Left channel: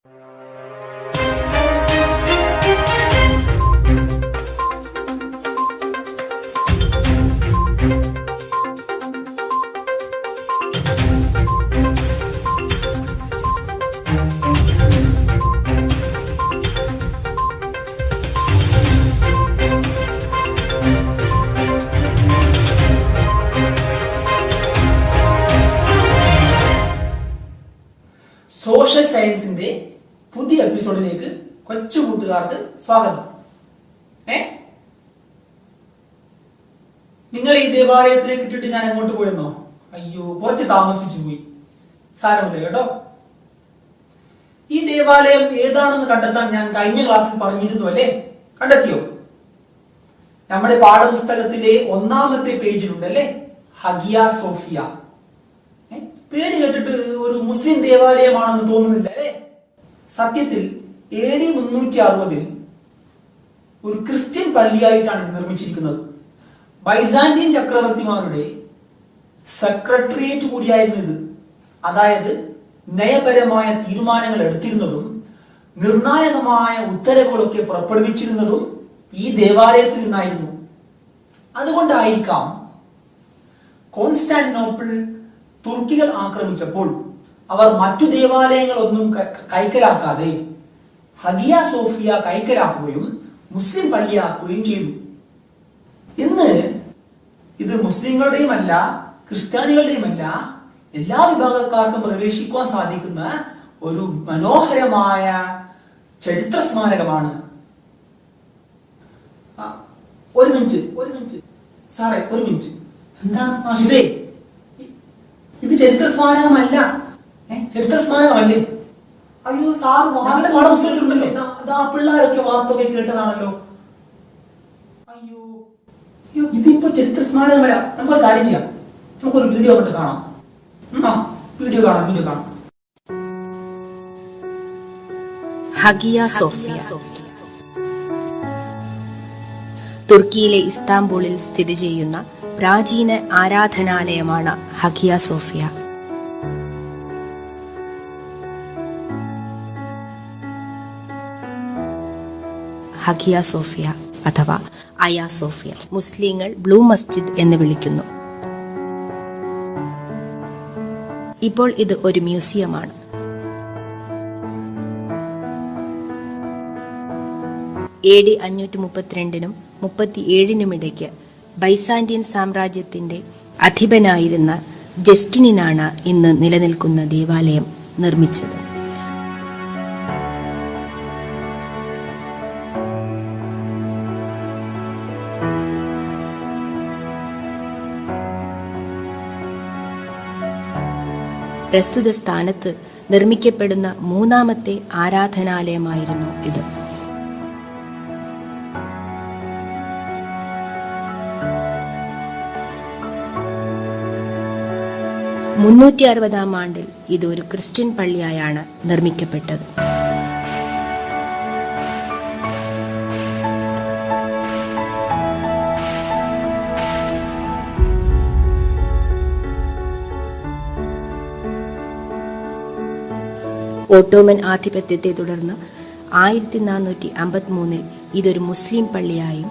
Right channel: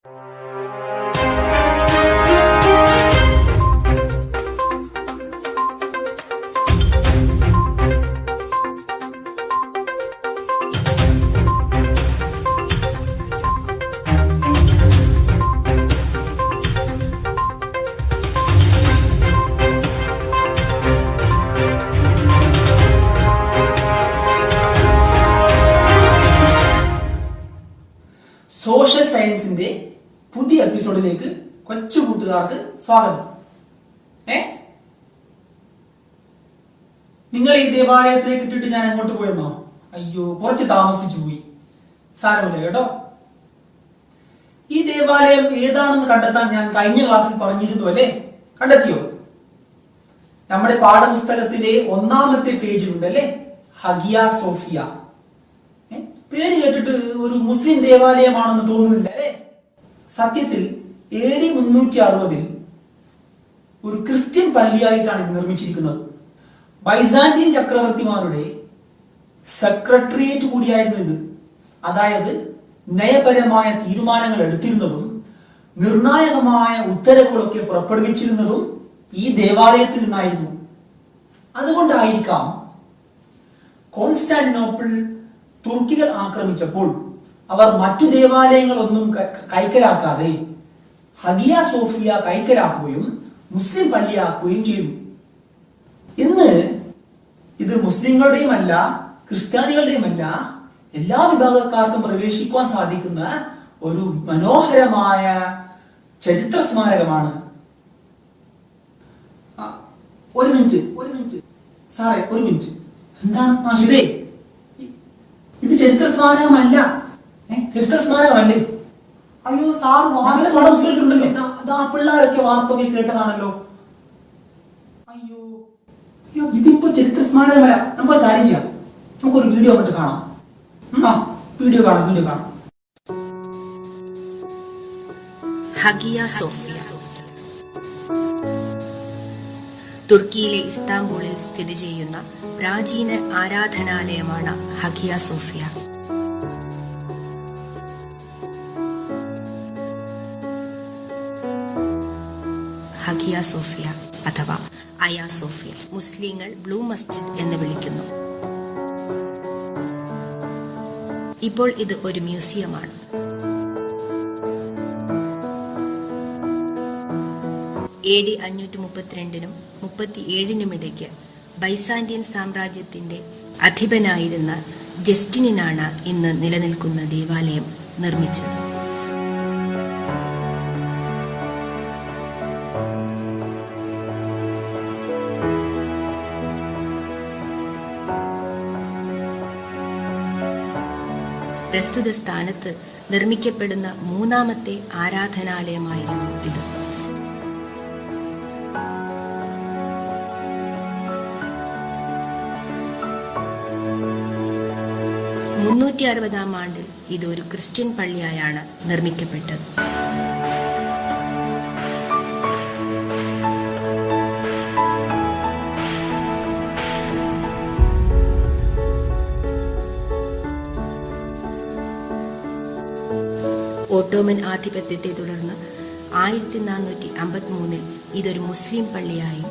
Social സയൻസിന്റെ പുതിയ എപ്പിസോഡിലേക്ക് കൊച്ചു കൂട്ടുകാർക്ക് സ്വാഗതം. നിങ്ങൾ ഈ ദേവാലയത്തിലേക്ക് ഇട്ടിട്ട് ഞാൻ അങ്ങോട്ട് പോയെന്നോ? അയ്യോ, കുറച്ച് താമസിച്ചു പോയി. സാരമില്ല കേട്ടോ. ഈ ദേവാലയം ഏതാണെന്ന് കണ്ടെത്താൻ ഞാൻ കഴിഞ്ഞ ക്ലാസ്സിൽ പറഞ്ഞിരുന്നു അല്ലേ? കണ്ടെത്തിയോ? നമ്മുടെ പാഠപുസ്തകത്തിലെ 1ാമത്തെ പേജിലുണ്ടല്ലേ, ഹഗിയ സോഫിയ. പേര് കേട്ടിട്ട് ഒരു മുസ്ലിം ദേവാലയമാണെന്ന് തോന്നുന്നില്ല അല്ലേ? സത്യത്തിൽ AD 360 ഒരു ക്രിസ്ത്യൻ പള്ളിയായിട്ടാണ് ഇത് നിർമ്മിച്ചിരിക്കുന്നത്. ബൈസാന്റിയൻ ചക്രവർത്തിമാരുടെ സെക്രട്ടേറിയറ്റ് കൂടിയായിരുന്നു ഇത്. അതായത് നയപരമായ തീരുമാനങ്ങൾ എടുത്തിരുന്നതും നിർണായകമായ ഉത്തരവുകളൊക്കെ പുറപ്പെടുവിച്ചിരുന്നതും ഈ ദേവാലയത്തിൽ നിന്നായിരുന്നു. അതുകൊണ്ടായിരിക്കാം കോൺസ്റ്റാന്റിനോപ്പിൾ തുർക്കികൾ ആക്രമിച്ചപ്പോൾ അവർ മറ്റു ദേവാലയങ്ങളൊന്നും കൈക്കലാക്കാതെ ഹഗിയ സോഫിയ കൈക്കലാക്കുകയും മുസ്ലിം പള്ളിയാക്കുകയും ചെയ്തു. ഇന്ന് ഇത് മുസ്ലിങ്ങളുടെയുമല്ല ക്രിസ്ത്യാനികളുടെയുമല്ല എല്ലാ വിഭാഗക്കാർക്കും പ്രവേശിക്കുവാൻ സാധിക്കുന്ന ഒരു മനോഹരമായ ചരിത്ര സ്മാരകമാണ്. ഒരു മിനിറ്റ് സാറേ, ഒരു മിനിറ്റ്. എന്താണ് മാഷിദേ? ഇത് ചരിത്ര സ്മാരകമല്ല. ചരിത്ര സ്മാരകമല്ലേ? അയ്യോ സാറ് വാർത്ത പാഠപുസ്തകത്തിലുണ്ടല്ലോ. അതാ പിള്ളേരൊക്കെ വാർത്തയൊക്കെ കേട്ടതാണല്ലോ. അയ്യോ അയ്യോ, ഇതിപ്പോ ചരിത്ര സ്മാരകമല്ല. നമുക്കൊരു കാര്യം ചെയ്യാം, നമുക്കൊരു വീഡിയോ അങ്ങോട്ട് കാണാം. വീഡിയോ കാണാം. ഹഗിയ സോഫിയ തുർക്കിയിലെ ഇസ്താംബൂളിൽ സ്ഥിതി ചെയ്യുന്ന പ്രാചീന ആരാധനാലയമാണ് ഹഗിയ സോഫിയ. ഹഗിയ സോഫിയ അഥവാ അയ സോഫിയ മുസ്ലിങ്ങൾ ബ്ലൂ മസ്ജിദ് എന്ന് വിളിക്കുന്നു. ഇപ്പോൾ ഇത് ഒരു മ്യൂസിയമാണ്. AD 532 37 ഇടയ്ക്ക് ബൈസാന്റിയൻ സാമ്രാജ്യത്തിന്റെ അധിപനായിരുന്ന ജസ്റ്റിനാണ് ഇന്ന് നിലനിൽക്കുന്ന ദേവാലയം നിർമ്മിച്ചത്. പ്രസ്തുത സ്ഥാനത്ത് നിർമ്മിക്കപ്പെടുന്ന 3ാമത്തെ ആരാധനാലയമായിരുന്നു ഇത്. 360-ാം ആണ്ടിൽ ഇത് ഒരു ക്രിസ്ത്യൻ പള്ളിയായാണ് നിർമ്മിക്കപ്പെട്ടത്. ഓട്ടോമൻ ആധിപത്യത്തെ തുടർന്ന് 1453 ഇതൊരു മുസ്ലിം പള്ളിയായും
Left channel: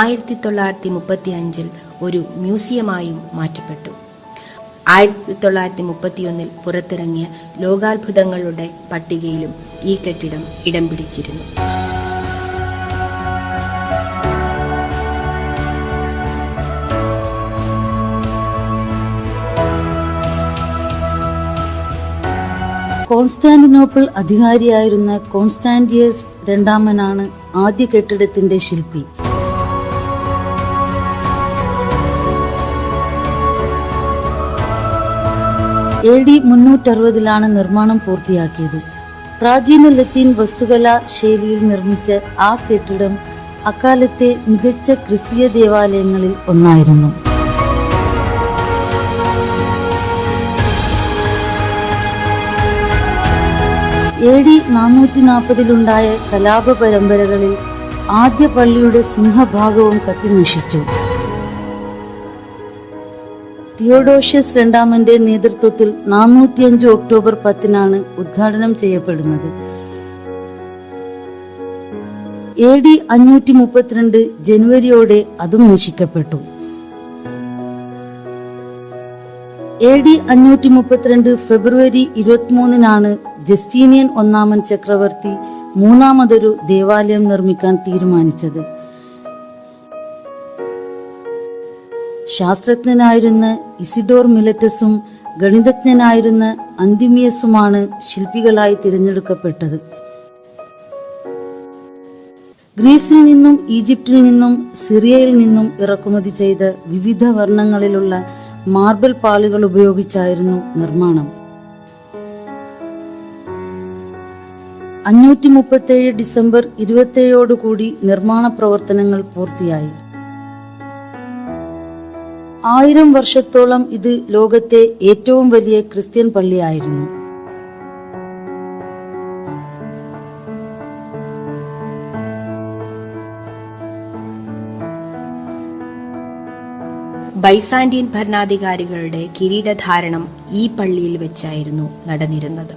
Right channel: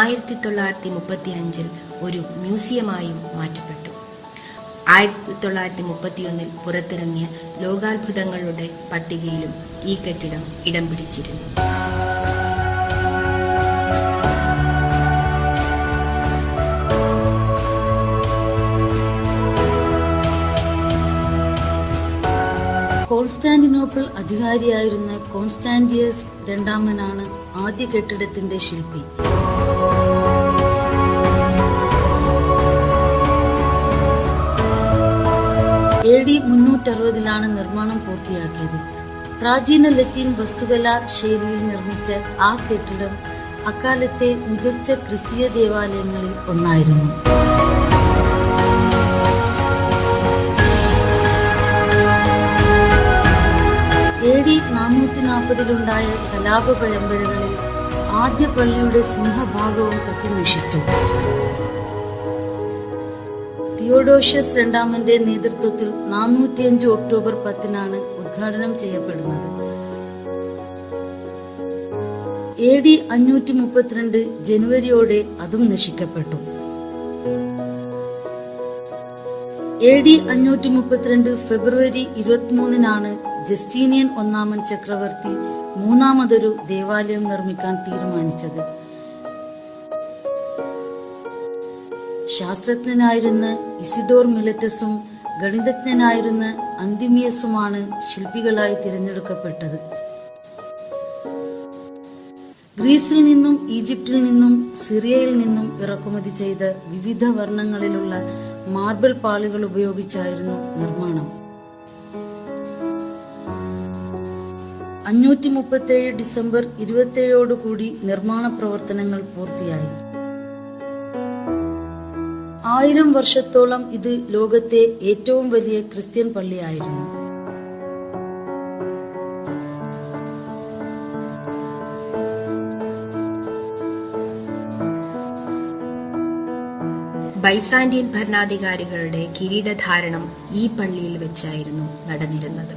1935 ഒരു മ്യൂസിയമായും മാറ്റപ്പെട്ടു. 1931 പുറത്തിറങ്ങിയ ലോകാത്ഭുതങ്ങളുടെ പട്ടികയിലും ഈ കെട്ടിടം ഇടം പിടിച്ചിരുന്നു. കോൺസ്റ്റാന്റിനോപ്പിൾ അധികാരിയായിരുന്ന കോൺസ്റ്റാന്റിയസ് രണ്ടാമനാണ് ആദ്യ കെട്ടിടത്തിന്റെ ശില്പി. AD 360 നിർമ്മാണം പൂർത്തിയാക്കിയത്. പ്രാചീന ലത്തീൻ വസ്തുകലാ ശൈലിയിൽ നിർമ്മിച്ച ആ കെട്ടിടം അക്കാലത്തെ മികച്ച ക്രിസ്തീയ ദേവാലയങ്ങളിൽ ഒന്നായിരുന്നു. AD 440 കലാപ പരമ്പരകളിൽ ആദ്യ പള്ളിയുടെ സിംഹഭാഗവും കത്തിനശിച്ചു. തിയോഡോഷ്യസ് രണ്ടാമന്റെ നേതൃത്വത്തിൽ 405 ഒക്ടോബർ 10-നാണ് ഉദ്ഘാടനം ചെയ്യപ്പെടുന്നത്. AD 532 ജനുവരിയോടെ അതും നശിക്കപ്പെട്ടു. AD 532 ഫെബ്രുവരി 23-നാണ് ജസ്റ്റീനിയൻ ഒന്നാമൻ ചക്രവർത്തി മൂന്നാമതൊരു ദേവാലയം നിർമ്മിക്കാൻ തീരുമാനിച്ചത്. ശാസ്ത്രജ്ഞനായിരുന്ന ഇസിഡോർ മിലറ്റസും ഗണിതജ്ഞനായിരുന്ന അന്തിമിയസുമാണ് ശില്പികളായി തിരഞ്ഞെടുക്കപ്പെട്ടത്. ഗ്രീസിൽ നിന്നും ഈജിപ്തിൽ നിന്നും സിറിയയിൽ നിന്നും ഇറക്കുമതി ചെയ്ത വിവിധ വർണ്ണങ്ങളിലുള്ള മാർബിൾ പാളികൾ ഉപയോഗിച്ചായിരുന്നു നിർമ്മാണം. 537 ഡിസംബർ 27 നിർമ്മാണ പ്രവർത്തനങ്ങൾ പൂർത്തിയായി. 1000 വർഷത്തോളം ഇത് ലോകത്തെ ഏറ്റവും വലിയ ക്രിസ്ത്യൻ പള്ളിയായിരുന്നു. ബൈസാന്റിയൻ ഭരണാധികാരികളുടെ കിരീടധാരണം ഈ പള്ളിയിൽ വെച്ചായിരുന്നു നടന്നിരുന്നത്.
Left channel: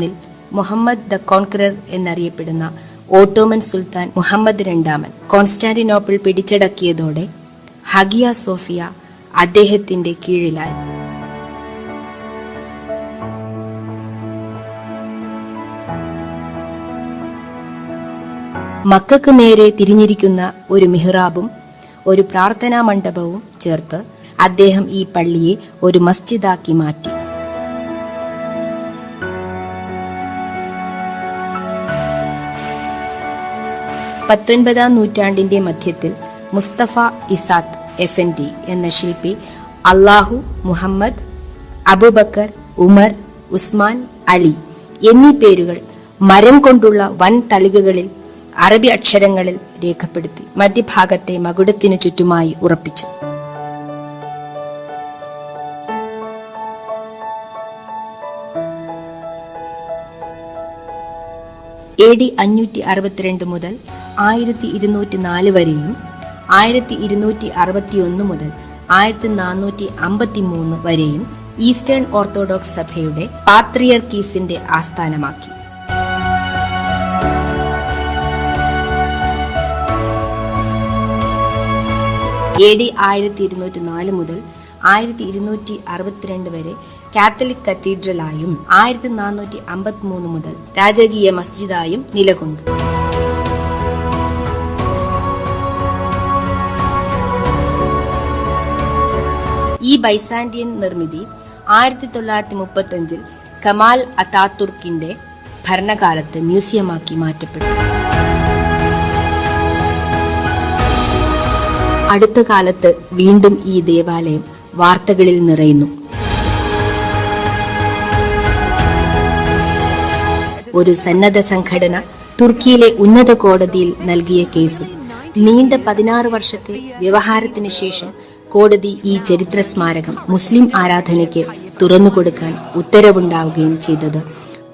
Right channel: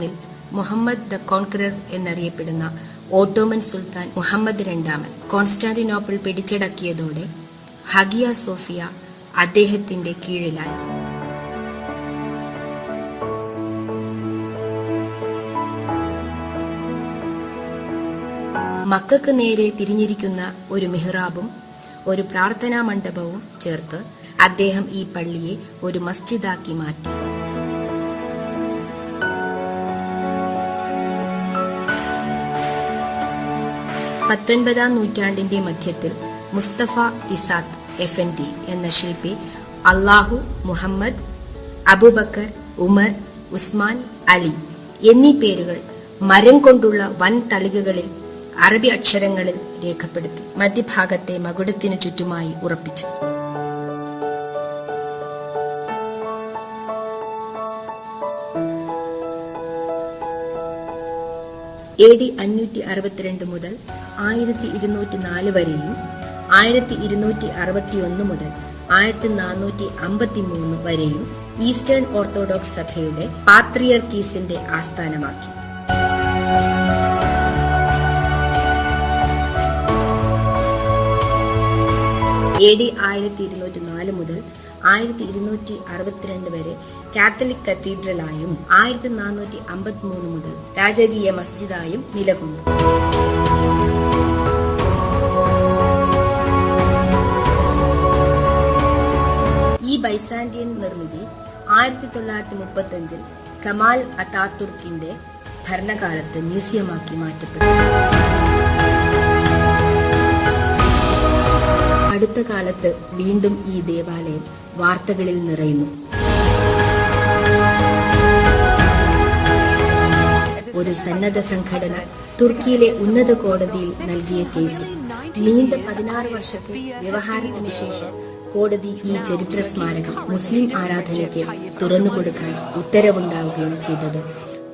ൽ മുഹമ്മദ് ദ കോൺക്രർ എന്നറിയപ്പെടുന്ന ഓട്ടോമൻ സുൽത്താൻ മുഹമ്മദ് രണ്ടാമൻ കോൺസ്റ്റാന്റിനോപ്പിൾ പിടിച്ചടക്കിയതോടെ ഹഗിയ സോഫിയ അദ്ദേഹത്തിന്റെ കീഴിലായി. മക്കൾക്ക് നേരെ തിരിഞ്ഞിരിക്കുന്ന ഒരു മിഹ്റാബും ഒരു പ്രാർത്ഥനാ മണ്ഡപവും ചേർത്ത് അദ്ദേഹം ഈ പള്ളിയെ ഒരു മസ്ജിദാക്കി മാറ്റി. പത്തൊൻപതാം നൂറ്റാണ്ടിന്റെ മധ്യത്തിൽ മുസ്തഫ ഇസാത്ത് എഫൻഡി എന്ന ശില്പി അല്ലാഹു, മുഹമ്മദ്, അബൂബക്കർ, ഉമർ, ഉസ്മാൻ, അലി എന്നീ പേരുകൾ മരം കൊണ്ടുള്ള വൻ തളികകളിൽ അറബി അക്ഷരങ്ങളിൽ രേഖപ്പെടുത്തി മധ്യഭാഗത്തെ മകുടത്തിനു ചുറ്റുമായി ഉറപ്പിച്ചു. AD 562 മുതൽ 1204 വരെയും 1261 മുതൽ 1453 വരെയും ഈസ്റ്റേൺ ഓർത്തഡോക്സ് സഭയുടെ പാത്രിയർക്കീസിന്റെ ആസ്ഥാനമാക്കി. AD 1204 മുതൽ 1262 വരെ കാത്തലിക് കത്തീഡ്രലായും 1453 മുതൽ രാജകീയ മസ്ജിദായും നിലകൊണ്ടു. ഈ ബൈസാന്റിയൻ നിർമ്മിതി 1935 കമാൽ അതാതുർക്കിന്റെ ഭരണകാലത്ത് മ്യൂസിയമാക്കി മാറ്റപ്പെട്ടു. അടുത്ത കാലത്ത് വീണ്ടും ഈ ദേവാലയം വാർത്തകളിൽ നിറയുന്നു. ഒരു സന്നദ്ധ സംഘടന തുർക്കിയിലെ ഉന്നത കോടതിയിൽ നൽകിയ കേസും നീണ്ട 16 വർഷത്തെ വ്യവഹാരത്തിന് ശേഷം കോടതി ഈ ചരിത്ര സ്മാരകം മുസ്ലിം ആരാധനയ്ക്ക് തുറന്നുകൊടുക്കാൻ ഉത്തരവുണ്ടാവുകയും ചെയ്തത്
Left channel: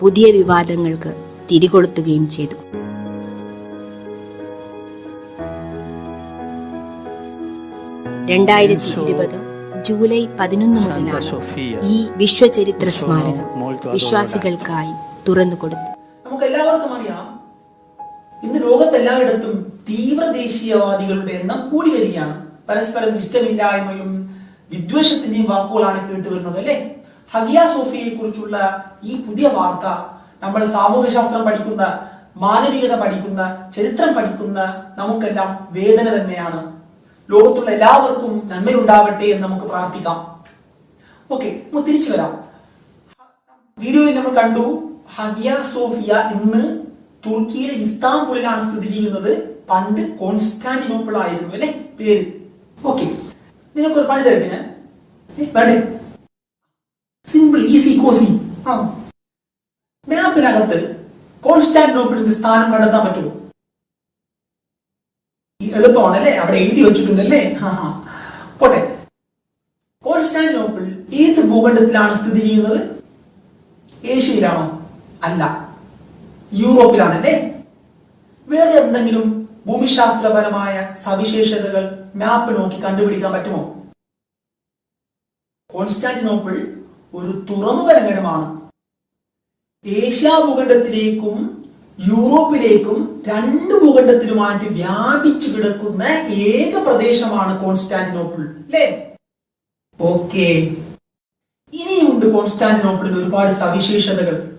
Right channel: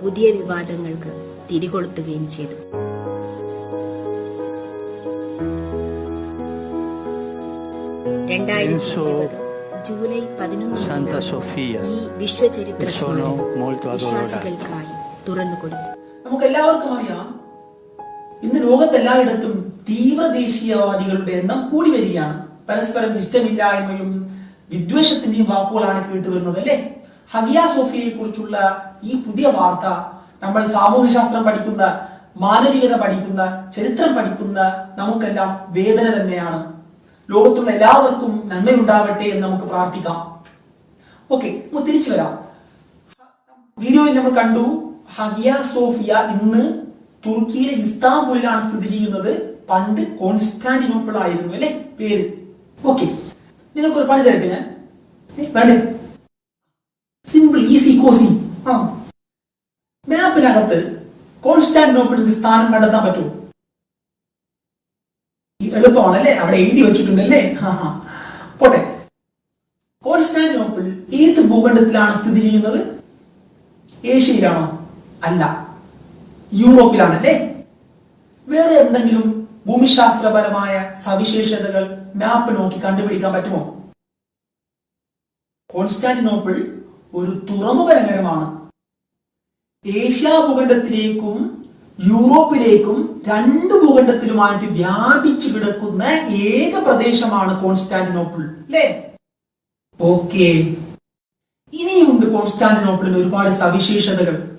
പുതിയ വിവാദങ്ങൾക്ക് തിരികൊളുത്തുകയും ചെയ്തു. ജൂലൈ 11 മുതലാണ് ഈ വിശ്വചരിത്ര സ്മാരകം വിശ്വാസികൾക്കായി തുറന്നുകൊടുത്തു. നമുക്ക് എല്ലാവർക്കും അറിയാം, ഇന്ന് ലോകത്തെല്ലായിടത്തും തീവ്ര ദേശീയവാദികളുടെ എണ്ണം കൂടി വരികയാണ്. പരസ്പരം ഇഷ്ടമില്ലായ്മയും വിദ്വേഷത്തിന്റെയും വാക്കുകളാണ് കേട്ടുവരുന്നത്, അല്ലെ? ഹഗിയ സോഫിയയെ കുറിച്ചുള്ള ഈ പുതിയ വാർത്ത നമ്മൾ സാമൂഹ്യശാസ്ത്രം പഠിക്കുന്ന, മാനവികത പഠിക്കുന്ന, ചരിത്രം പഠിക്കുന്ന നമുക്കെല്ലാം വേദന തന്നെയാണ്. ലോകത്തുള്ള എല്ലാവർക്കും നന്മയുണ്ടാവട്ടെ എന്ന് നമുക്ക് പ്രാർത്ഥിക്കാം. ഓക്കെ, നമുക്ക് തിരിച്ചു വരാം. വീഡിയോയിൽ നമ്മൾ കണ്ടു, ഹഗിയ സോഫിയ ഇന്ന് തുർക്കിയിലെ ഇസ്താംബുളിലാണ് സ്ഥിതി ചെയ്യുന്നത്. പണ്ട് കോൺസ്റ്റാന്റിനോപ്പിൾ ആയിരുന്നു, അല്ലെ പേര്? ഓക്കെ, നിങ്ങൾക്കൊരു പണി തരട്ടെ ഞാൻ. വേണ്ടേ? Simple, easy, cosy. മാപ്പിനകത്ത് കോൺസ്റ്റാന്റിനോപ്പിളിന്റെ സ്ഥാനം കണ്ടെത്താൻ പറ്റുമോ? എളുപ്പമാണല്ലേ, അവിടെ എഴുതി വെച്ചിട്ടുണ്ടല്ലേ. പോട്ടെ, കോൺസ്റ്റാന്റിനോപ്പിൾ ഏത് ഭൂഖണ്ഡത്തിലാണ് സ്ഥിതി ചെയ്യുന്നത്? ഏഷ്യയിലാണോ? അല്ല, യൂറോപ്പിലാണല്ലേ. വേറെ എന്തെങ്കിലും ഭൂമിശാസ്ത്രപരമായ സവിശേഷതകൾ മാപ്പ് നോക്കി കണ്ടുപിടിക്കാൻ പറ്റുമോ? കോൺസ്റ്റാന്റിനോപ്പിൾ ഒരു തുറമുഖ നഗരമാണ്. ഏഷ്യ ഭൂഖണ്ഡത്തിലേക്കും യൂറോപ്പിലേക്കും രണ്ട് ഭൂഖണ്ഡത്തിലുമായിട്ട് വ്യാപിച്ചു കിടക്കുന്ന ഏക പ്രദേശമാണ് കോൺസ്റ്റാന്റിനോപ്പിൾ, അല്ലേ? ഓക്കെ, ഇനിയുമുണ്ട് കോൺസ്റ്റാന്റിനോപ്പിളിൽ ഒരുപാട് സവിശേഷതകൾ.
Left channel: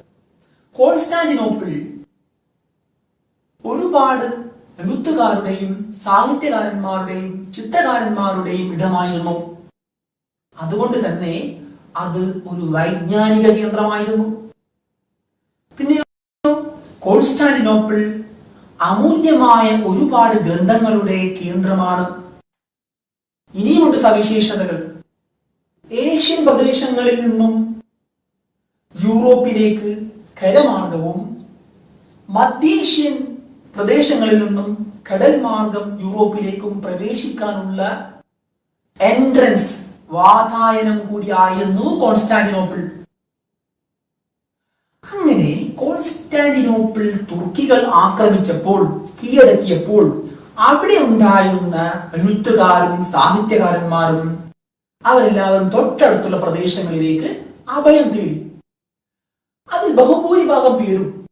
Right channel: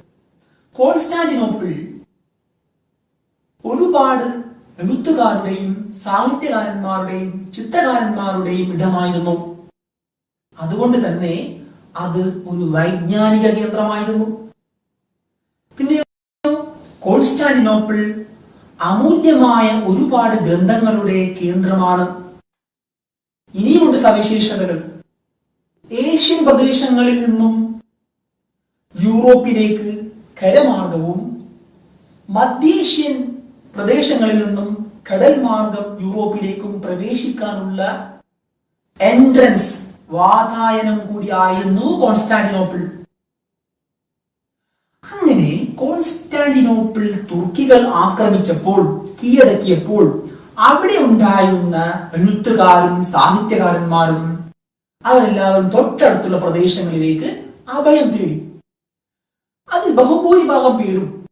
കോൺസ്റ്റാന്റിനോപ്പിൾ ഒരുപാട് എഴുത്തുകാരുടെയും സാഹിത്യകാരന്മാരുടെയും ചിത്രകാരന്മാരുടെയും ഇടമായിരുന്നു. അതുകൊണ്ട് തന്നെ അത് ഒരു വൈജ്ഞാനിക കേന്ദ്രമായിരുന്നു. പിന്നെ കോൺസ്റ്റാന്റിനോപ്പിൾ അമൂല്യമായ ഒരുപാട് ഗ്രന്ഥങ്ങളുടെ കേന്ദ്രമാണ്. ഇനിയുമുണ്ട് സവിശേഷതകൾ. ഏഷ്യൻ പ്രദേശങ്ങളിൽ നിന്നും യൂറോപ്പിലേക്ക് കരമാർഗവും മധ്യേഷ്യൻ പ്രദേശങ്ങളിൽ നിന്നും കടൽ മാർഗം യൂറോപ്പിലേക്കും പ്രവേശിക്കാനുള്ള എൻട്രൻസ് വാതായനം കൂടിയായിരുന്നു കോൺസ്റ്റാന്റിനോപ്പിൾ. അങ്ങനെ കോൺസ്റ്റാന്റിനോപ്പിൾ തുർക്കികൾ ആക്രമിച്ചപ്പോൾ, കീഴടക്കിയപ്പോൾ അവിടെ ഉണ്ടായിരുന്ന എഴുത്തുകാരും സാഹിത്യകാരന്മാരും അവരെല്ലാവരും തൊട്ടടുത്തുള്ള പ്രദേശങ്ങളിലേക്ക് അഭയം തേടി. അതിൽ ബഹുഭൂരിഭാഗം പേരും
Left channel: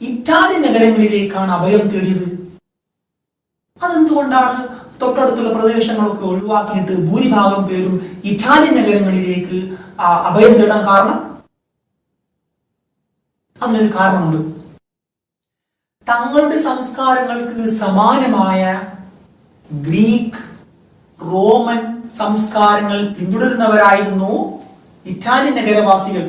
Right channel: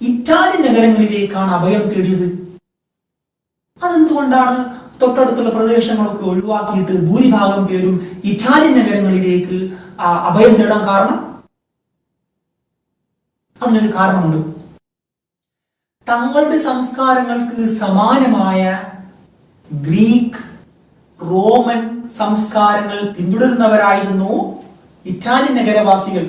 ഇറ്റാലിയൻ നഗരങ്ങളിലേക്കാണ് അഭയം തേടിയത്. അതെന്തുകൊണ്ടാണ് തൊട്ടടുത്തുള്ള പ്രദേശങ്ങളൊക്കെ ഒഴിവാക്കിയിട്ട് ഭൂരിഭാഗം പേരും ഇറ്റാലിയൻ നഗരങ്ങളിലേക്ക് അഭയം തേടാൻ കാരണം? അതിനൊരു കാരണമുണ്ട്. തങ്ങളുടെ സംസ്കാരങ്ങൾക്ക് സമാനമായ ഗ്രീക്ക്, റോമൻ സംസ്കാരങ്ങൾ പിന്തുടരുന്നവരായിരുന്നു ഇറ്റാലിയൻ നഗരവാസികൾ.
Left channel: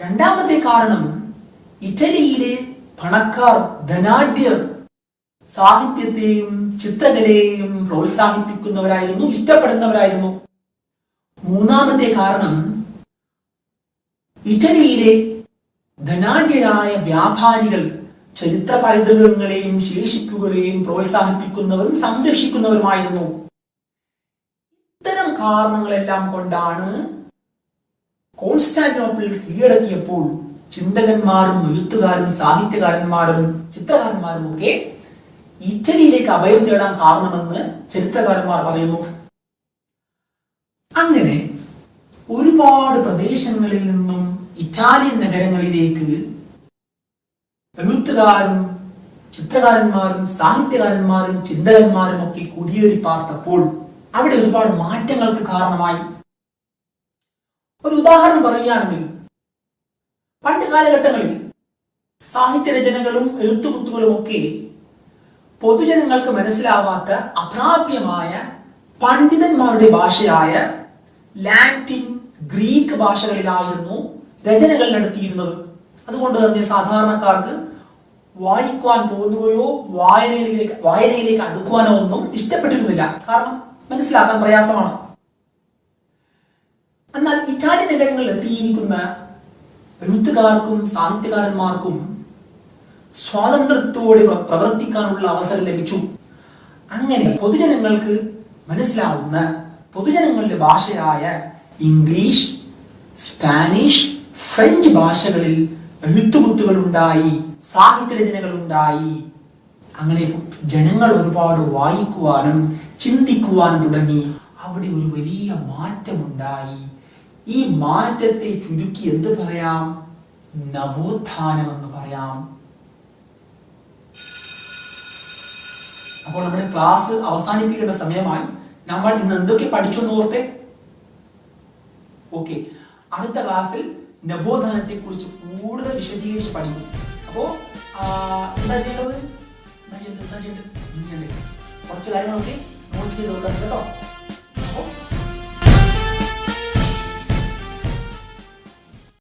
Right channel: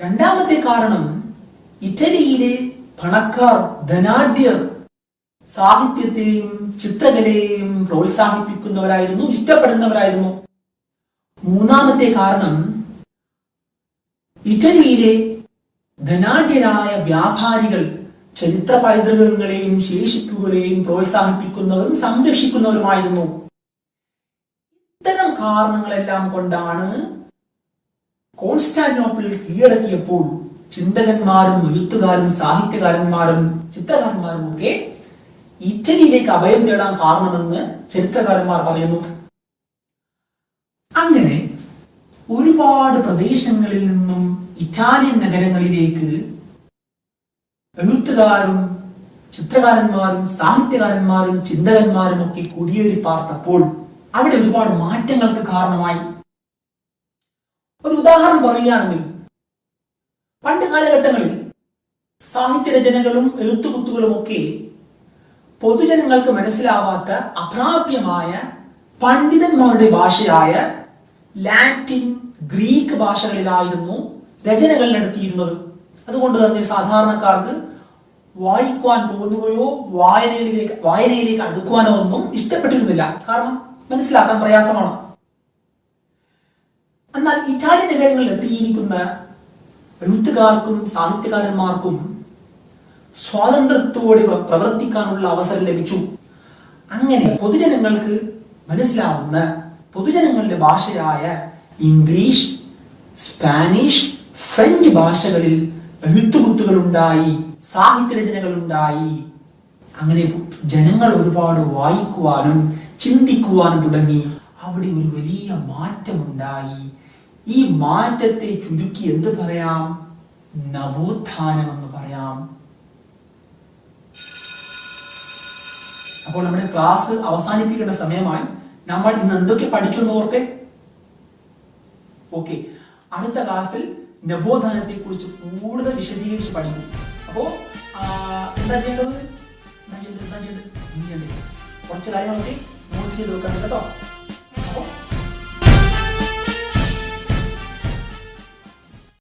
രണ്ടാമത്തെ കാരണം, ഇറ്റലിയിലെ പണക്കാർ, ധനാഢ്യർ സാഹിത്യത്തെയും ചിത്രകലയെയും പ്രോത്സാഹിപ്പിക്കുന്നവരായിരുന്നു, ഇഷ്ടപ്പെടുന്നവരായിരുന്നു. മൂന്നാമത്തെ കാരണം, ഇറ്റലിയിലെ ധനാഢ്യരായ വ്യാപാരികൾ ചരിത്ര പൈതൃകങ്ങളെയും ശേഷിപ്പുകളെയും പ്രോത്സാഹിപ്പിക്കുന്നവരും സംരക്ഷിക്കുന്നവരുമായിരുന്നു. ഇത്തരം കാരണങ്ങളെല്ലാം കൊണ്ടാണ് കോൺസ്റ്റാന്റിനോപ്പിൾ കീഴടക്കിയപ്പോൾ ചിന്തകന്മാരും എഴുത്തുകാരും സാഹിത്യകാരന്മാരും ചിത്രകാരന്മാരും ഒക്കെ ഇറ്റലിയിലേക്ക് അഭയം തേടാൻ കാരണമെന്ന് ചരിത്രകാരന്മാർ പറയുന്നു. അങ്ങനെ ഒരുപാട് പ്രദേശങ്ങളിൽ നിന്നും ഇറ്റാലിയൻ നഗരങ്ങളിലേക്ക് എഴുത്തുകാരും ചിത്രകാരന്മാരും സാഹിത്യകാരന്മാരും ചിന്തകന്മാരും ഒക്കെ കുടിയേറി പാർത്തപ്പോൾ അവിടെ ഒരുപാട് മാറ്റങ്ങൾക്ക് കാരണമായി. ഒരു ഉദാഹരണം പറയുകയാണെങ്കിൽ, പണ്ട് കാലഘട്ടങ്ങളിൽ സാഹിത്യരചനകളും എഴുത്തുകുത്തുകളും ഒക്കെ പൊതുജനങ്ങൾക്ക് മനസ്സിലാവാത്ത അപ്രാപ്യമായ പണ്ഡിതന്മാരുടെ ഭാഷയായ ലാറ്റിൻ, ഗ്രീക്ക് ഭാഷകളിലായിരുന്നു രചനകൾ നടത്തിയിരുന്നത്. അതുകൊണ്ട് തന്നെ സാധാരണക്കാർക്ക് വായിക്കുവാൻ തോന്നുകയോ വായനയിലേക്ക് അടുക്കുവാനോ ഒന്നും ഇഷ്ടപ്പെട്ടിരുന്നില്ല. കാരണം മനസ്സിലാക്കാൻ പ്രയാസമാണ്. എന്നാൽ ഇറ്റാലിയൻ നഗരങ്ങളിൽ എത്തിയിരിക്കുന്ന എഴുത്തുകാർക്കും സാഹിത്യകാരന്മാർക്കും സ്വാതന്ത്ര്യത്തോടെ പ്രവർത്തിക്കാനുള്ള അവസരം ലഭിച്ചു. അങ്ങനെ പൊതുജനങ്ങൾക്ക് മനസ്സിലാവുന്ന പൊതുജനങ്ങളുടെ ഭാഷയായ ഇംഗ്ലീഷ്, സ്പാനിഷ്, ഫ്രഞ്ച് ഭാഷകളിൽ എഴുത്തുകുത്തുകൾ ഉണ്ടായി, സാഹിത്യരചനകൾ ഉണ്ടായി. അങ്ങനെ ജനങ്ങൾ ഒരുപാട് വായിക്കുവാനും ചിന്തിക്കുവാനും തുടങ്ങി. അവിടെ ഒരു വലിയ മാറ്റമുണ്ടായി. ഈ മാറ്റത്തെ ചുരുക്കി എന്ത് പറയാം? നവോത്ഥാനം എന്ന് പറയാം. അപ്പോൾ നമ്മുടെ ക്ലാസ് അവസാനിപ്പിക്കേണ്ട സമയമായി. നമ്മൾ ഇന്ന് എന്തൊക്കെ പഠിച്ചു എന്ന് ഓർത്തെ? ഓക്കെ, അടുത്ത ക്ലാസ്സിൽ നവോത്ഥാനത്തെ കുറിച്ച് കൂടുതൽ വിശദീകരിച്ച് പഠിക്കും. അപ്പോ എന്താ ചെയ്യേണ്ടത്? കുറച്ച് കാര്യങ്ങളൊക്കെ നോട്ട് ചെയ്ത് വെക്കണം കേട്ടോ.